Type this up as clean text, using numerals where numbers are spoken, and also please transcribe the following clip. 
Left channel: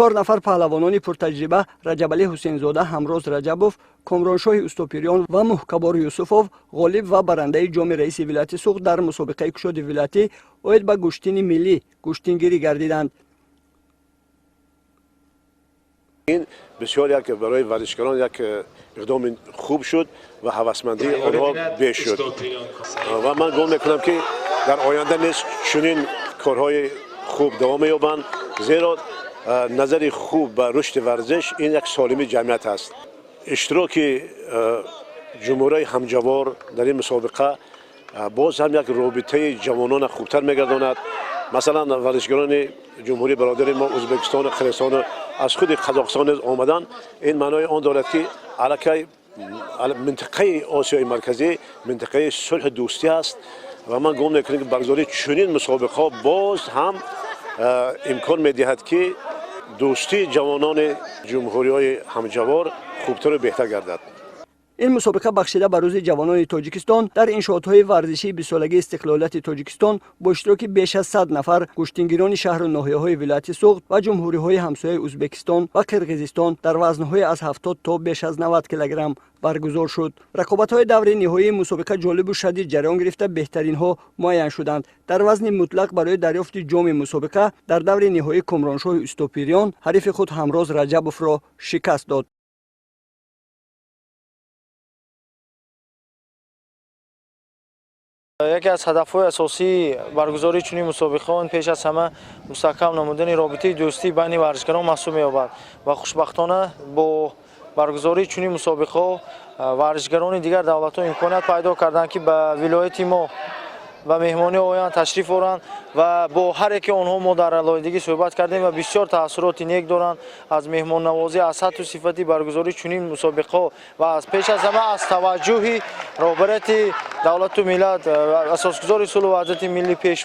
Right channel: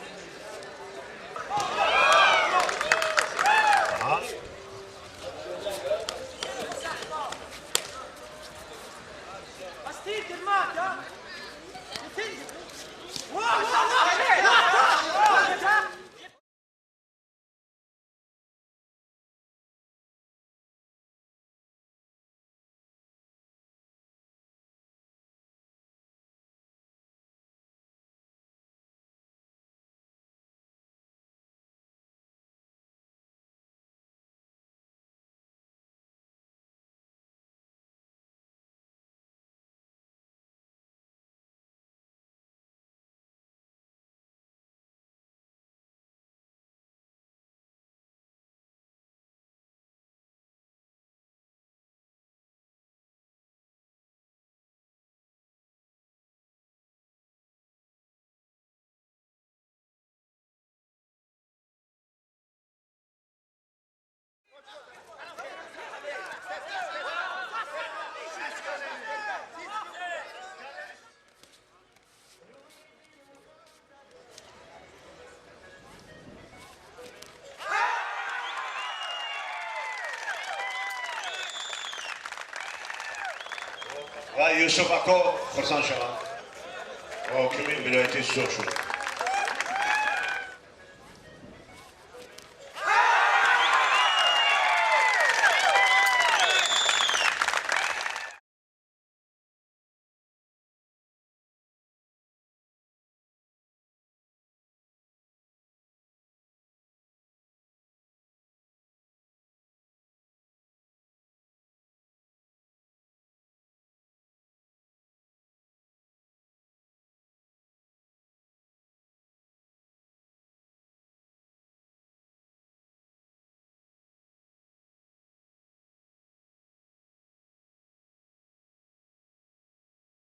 4 нафар паҳлавонони пуртаҷриба Раҷабалӣ Ҳусейнзода, Ҳамроз Раҷабов, Комроншоҳи Устопирён ва Муҳкабор Юсуфов ғолиб ва барандаи ҷоми раиси вилояти Суғд дар мусобиқаи кушоди вилоятӣ оид ба гӯштини миллӣ гӯштингирӣ гардиданд. این بسیار یک برای ورزشکاران یک اقدام خوب شد و هوسمندی آنها بیش شد و من گمان میکنم که در آینده نیز چنین کارهای خوب دوام یابند، زیرا نظر خوب به رشد ورزش این یک سالمی جمعیت است. اشتراک جمهوری همجوار در این مسابقه باز هم یک رابطه جوانان خوبتر میگرداند. مثلا ورزشکاران جمهوری برادر ما ازبکستان و قرغیزستان از خود قزاقستان آمدن. این معنای آن دارد که علاقه منطقه آسیای مرکزی منطقه صلح دوستی است و من گمان میکنم که برگزاری چنین مسابقه باز هم امکان میدهد که دوستی جوانان جمهوری‌های همجوار خوبتر و بهتر گردد. این مسابقه بخشیده به روز جوانان تاجیکستان در انشاءات‌های ورزشی 20 سالگی استقلالیت تاجیکستان با اشتراک بیش از 100 نفر گوشتنگیران شهر و ناحیه‌های ولایت سوغد و جمهوری‌های همسایه ازبکستان و قرقیزستان در وزن‌های از 70 تا بیش از 90 کیلوگرم برگزار شد. رقابت‌های دور نهایی مسابقه جالب و شدید جریان گرفته بهترین‌ها معین شدند. در وزن مطلق برای دریافت جام مسابقه در دور نهایی کامرانشاه استوپیریان حریف خود همراز رجبوف را شکست داد. یکی از هدف‌های اساسی برگزاری چنین مسابقه‌ها پیش از همه مستحکم نمودن رابطه دوستی بین ورزشکاران محسوب می‌یابد و خوشبختانه با برگزاری چنین مسابقه‌ها ورزشکاران دیگر دولت‌ها امکانیت پیدا کردند که به ولایت ما و مهمانی آیند تشریف آورند و با هر یک آنها ما در علایندگی صحبت کردیم و بسیار تأثیرات نیک دارند از مهمان نوازی از سطح و صفتی برگزاری چنین مسابقه و از پیش از همه از توجه رهبریت دولت و ملت اساسگزار صلح و وحدت ملی پیش